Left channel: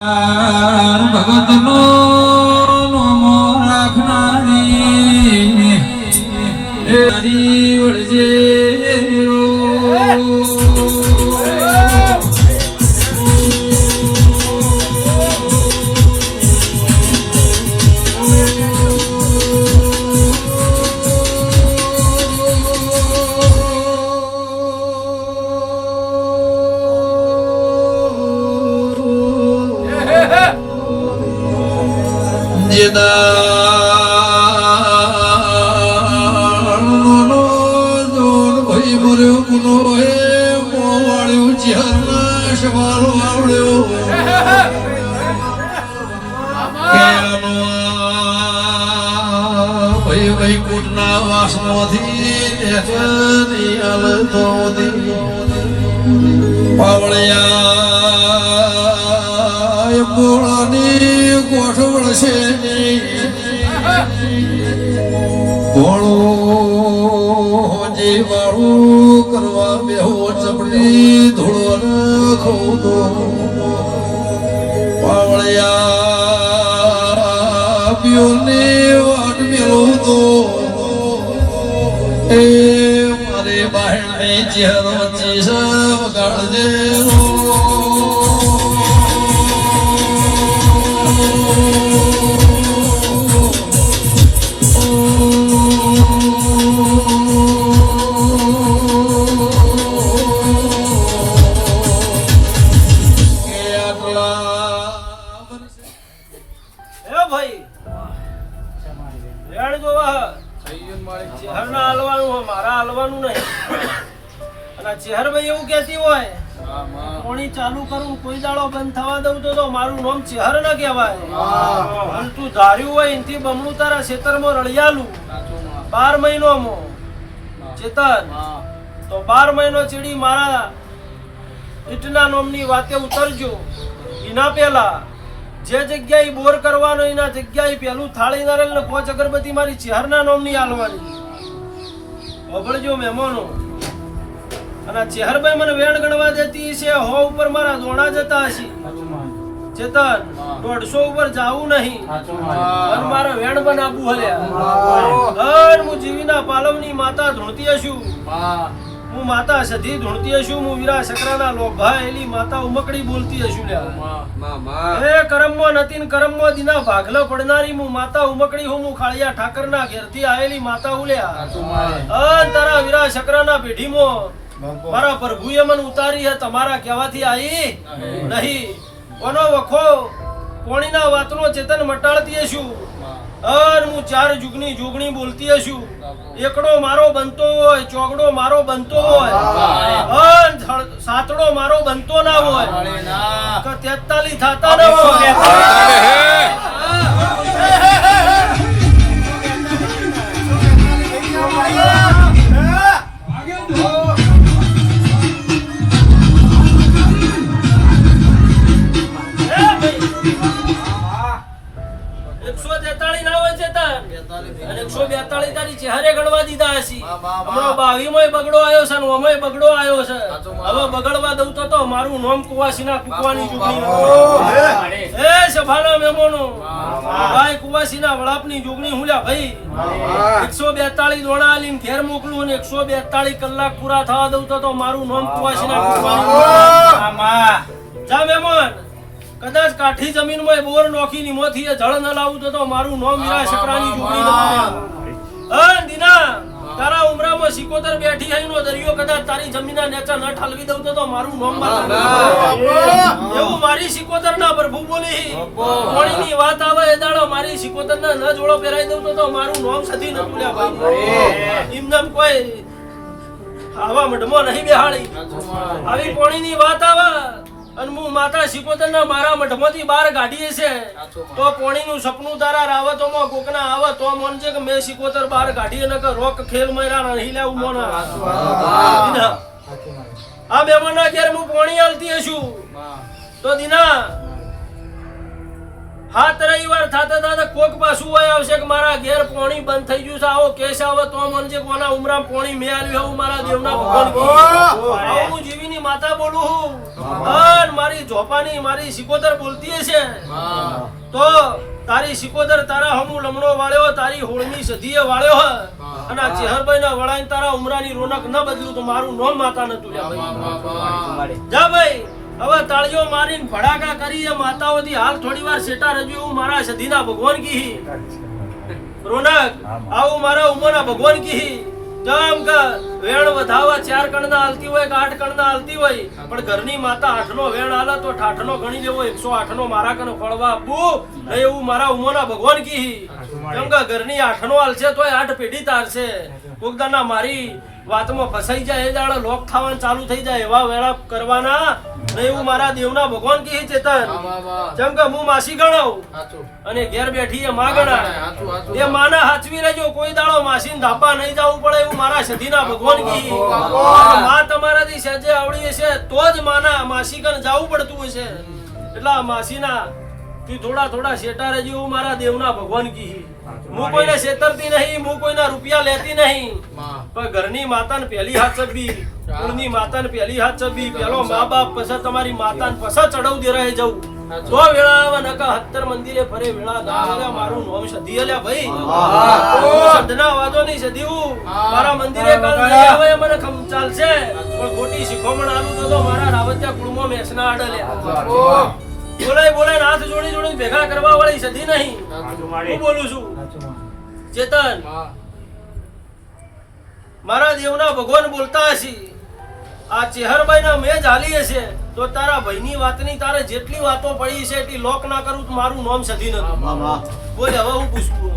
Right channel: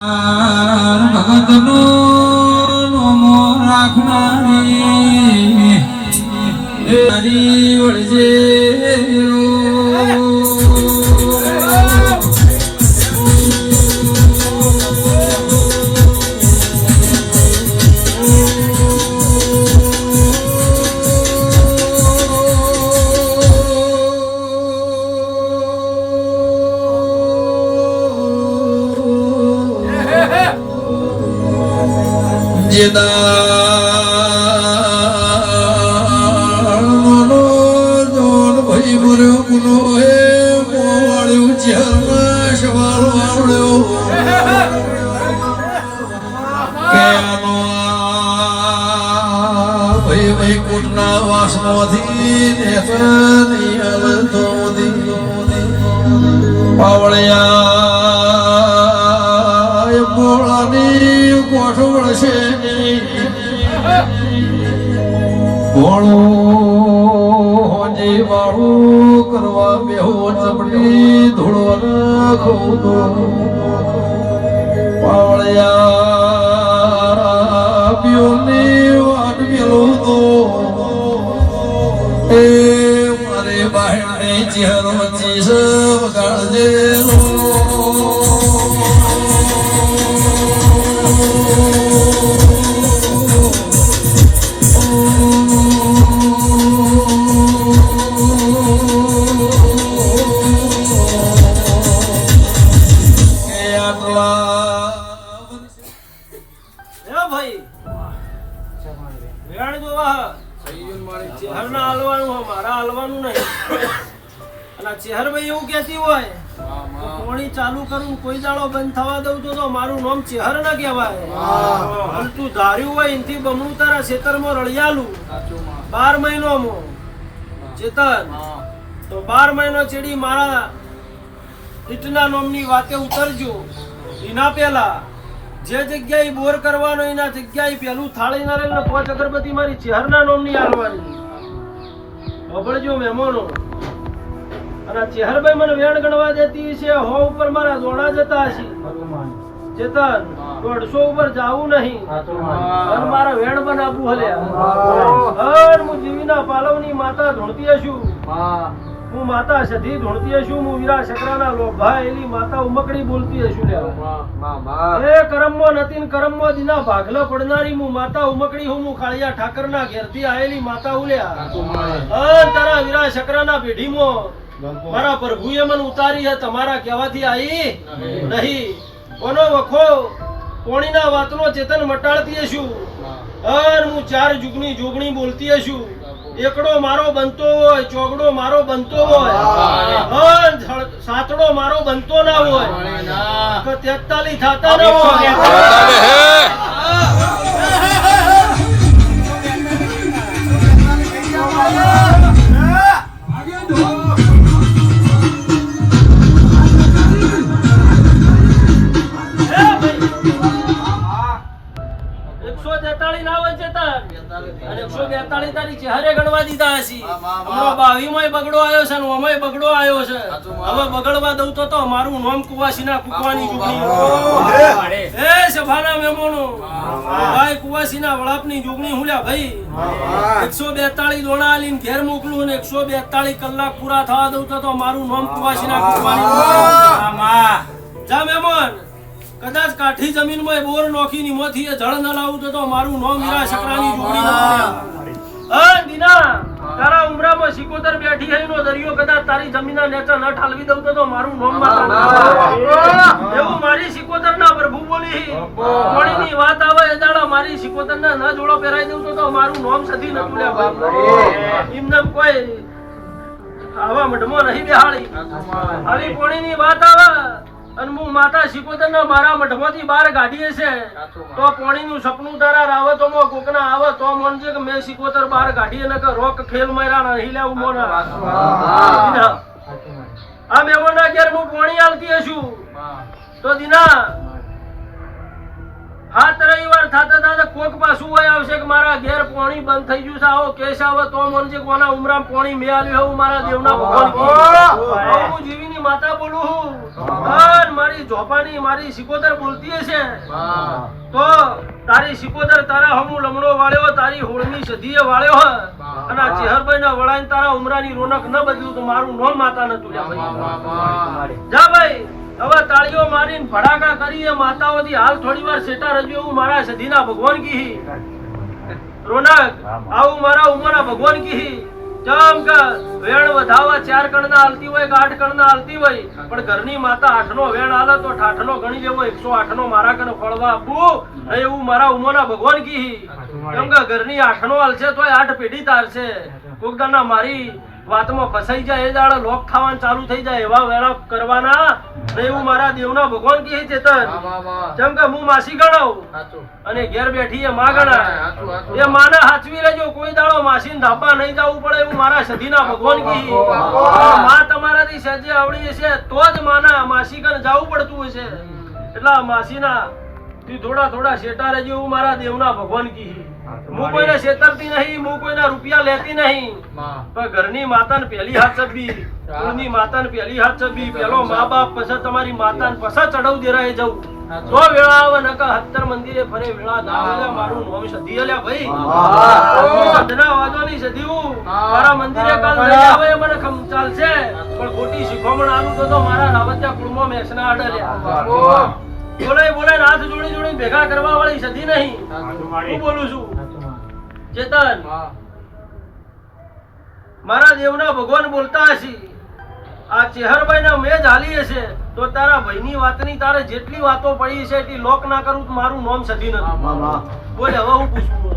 ભગતનો નોમો રાખનારી હરી વળજે કરવા બેહો ચપડી ધૂળો રાખો તો પાવળિયા પિયોને વાટ મેળો તો એ મારે બહેને ચહેરો ચીસ વગાડજે એવું કહેતી હોય કોણી ચાલુ કરું કોઈ દાડો બંધ થવા દઉં તો મારું નામ ચેહર ના કહેવાય. તું ધાર્યું હોય એનથી બમણું તારા ખેતરમાં રળિયાલું 12 મહિનોમાં ચેતન તો 12 મહિનો ચેડી મારા ઈટના નામની વાતે ઉતરજો. એના પેલા જે જગ્યાએ બોર કરવાનો એના જગ્યાએ પેલું થાળી નારેલ ને 5 અગરબત્તી મારી ચેહરના નામની આલવાની. વભળજો મહેમાનો. અને ચેહરભાઈ મને વેણ ગણવા દેતી છે. 100 ઉપર મારા દોણા જતા હશે ચેતન. 150 ઉપર જાવું નહીં અને મારા વેણ બનાવવું હલ્યા. હું જીવીના પાલવની માતા ધૂણતી હશું. હું માતા સધી ધૂણતી હશું. હું વીરા શકરાના લોભા એલી માતા ઉમકડી બોલતી હશું. એ કરમો નતીન કરમો દીના ભાગલા પડનારી હું માતા ઉમકડી હું ખાળિયા ઠાકરના ઘેરથી આવેલી માતા ઉલ્યા. તારા વીરા શકરાના પેઢીમાં મારા પ્રભુએ મને ઉતારી હે તમારા કહેવાથી આવી નહીં. કોનો વખો પોણીના વાતનો ચેતન મટાડતી હશું. હું 4 જુગની જોગણી બોલતી હશું. એકડો મારો બનતો હોય, ચોગડો મારો બનતો હોય, સાતડો મારો બનતો ના હોય, 43 થતા ના હોય. અને 142 તારી ચહેરે ગણવા દીધા હશે. હમણાં 22 માં બગડો આવ્યો છે ને ઓમાં બગડો આવ્યો છે. હવે બગડવા દઉં તો મારું નામ કુવાસીના કુકવાની જોગણી. એ સભાના મહેમાનો ભાઈ કુવાસીના વળાપની જોગણી હુલ્યા ભાઈ. 142 દોણા આલીને ઘેર મોકલું અને 142 કલાક પૂરા થવા દઉં તો મારું નામ કુવાસીના કુકવાની. જા મહેમાન. કદાચ કાઠી જમીનમાં બોર નોખી નિમોથી જળ ન લાવું તો મારું નામ વીરા શકરાની જોગણી ન. દીના તારા ઉમરામાં 77 બેઠી હઈનો દરિયો કદાચ તારી જમીનના નેચા ન ઠાલવી દઉં તો મારું નામ એવું મારી 77 ના પ્રભુ બોલી. કોણીની વાત આવે એ દાડા મારી 77 ના ન જોડો પહેરાઈ દઉં તો મારું નામ સધી ન ભૂલ્યા. એમને કોઈ આવા મઢમાં નહીં બેહાડી. આવી કોણીની વાત આવે અને હું માતા 77 ના મારા મઠમાંથી બહાર કાઢીએ છે તો પોણીનું સપનું તારા રાવતોમાં કોકના આવે તો મોનજે કે મેં 77 બહાર કાઢીએ ન કે રોક ખેલ મયરા નહીં લેવું મોના. આ મહેમાનના ઘેર હું પોણી આલતી હશું તો દીના હાથ રહી થોડી વાર થાતા થાતા કોક પાછું હોય આવશે કે મારા ઘેર પાણી બંધ થઈ ગયું છે, આવો કેસ આવે તો મનજે કોના ઉમરામ પાણી મે આલ્યું હું મારા દેવના ભગવાન કી હું જીવીની માતા બોલું હું અને મારી જોપાની મારી સિકોદર બોલતી હશે તો તારી સિકોદર તારા હમુ લમણો વાળ્યો, તારી હોળની સધીએ વાળ્યો હ અને આ ચેહરભાઈ ના વળાઈને તારા ઉમરાની રોનક ન બદલ્યું તો મારું નામ માતા નતું લ્યા ભાઈ. જા ભાઈ હવે તાળીઓ મારીને ભડાકા કરી માતાઓથી હાલ થોડી વાર સેટા રજો હું મારા સધીના ભગવાન કી રોનક આવું મારા ઉમરના ભગવાન કી જમ કે વેણ વધાવા 4 કણના હાલતી હોય કે 8 કણના હાલતી હોય પણ ઘરની માતા 8નો વેણ હાલે તો 8નો ગણી લેવો 108નો મારા કને ફળવા આપવું એવું મારા ઉમરના ભગવાન કી કેમ કે ઘરની 8નો હાલશે તોય 8 પેઢી તારશે કોકદાના મારી વાતમાં ફસાઈ જાય એ દાડા લોક ખાવાનું ચાલુ થઈ જાય એવા વેળા કરવાના ને એવું મારા દેવના ભગવાન કી ચેતન જેમ કે હું માસી ગણાવ અને ઘેર બેઠી એ માં ગણાય એ માને હાચવી લેજો કોઈ દાડો માસીને ધાબા નહીં જવું પડે એવું મારા સધીના ભગવાન કી માં તમારાથી સજે આવડી હશે તો જ માના માસી કને જવું પડતું હશે એટલા માસીના તું થોડા થોડા શેટા રહેજો એવું મારા દેવના ભગવાન કી હું કોઈને છેતરતી નહીં, હું કોઈના રૂપિયા લેતી નહીં પણ ઘરની માતાને પહેલી હાથ ચબી, કુળની માતાને પહેલી હાથ ચબી, પેલો મા બાપ પછી તમારી માતાને પછી ચડવ દે રહે જવું તો વેળા આવે નકા 70 મંદિરે ફરે વેળા દાળ્યા મારું નામ સધી અલ્યા ભાઈ સદના વાદોની સધી હું મારા મંદિરે કાલ નહીં આવે મને ખમ ચાલશે પણ ખોટી શીખોમણ આલું તો મારા રાવતિયા કુળમાં મેસના આડલ્યા બોલાય હાથ જોડી જોડી ભેગા કરવા વાળી સધી નહીં હું બોલું છું ચેતન મારા દેવના ભગવાન બોલતા હશે આ ચેહરભાઈ ના મેજ હાલી હશે તો તારા ભાઈની વાતની તારે જેટલી વાતો પડી છે એટલી લોક ના કરું તો મારું નામ સધી નથી બોલે હવે હું પૂછવું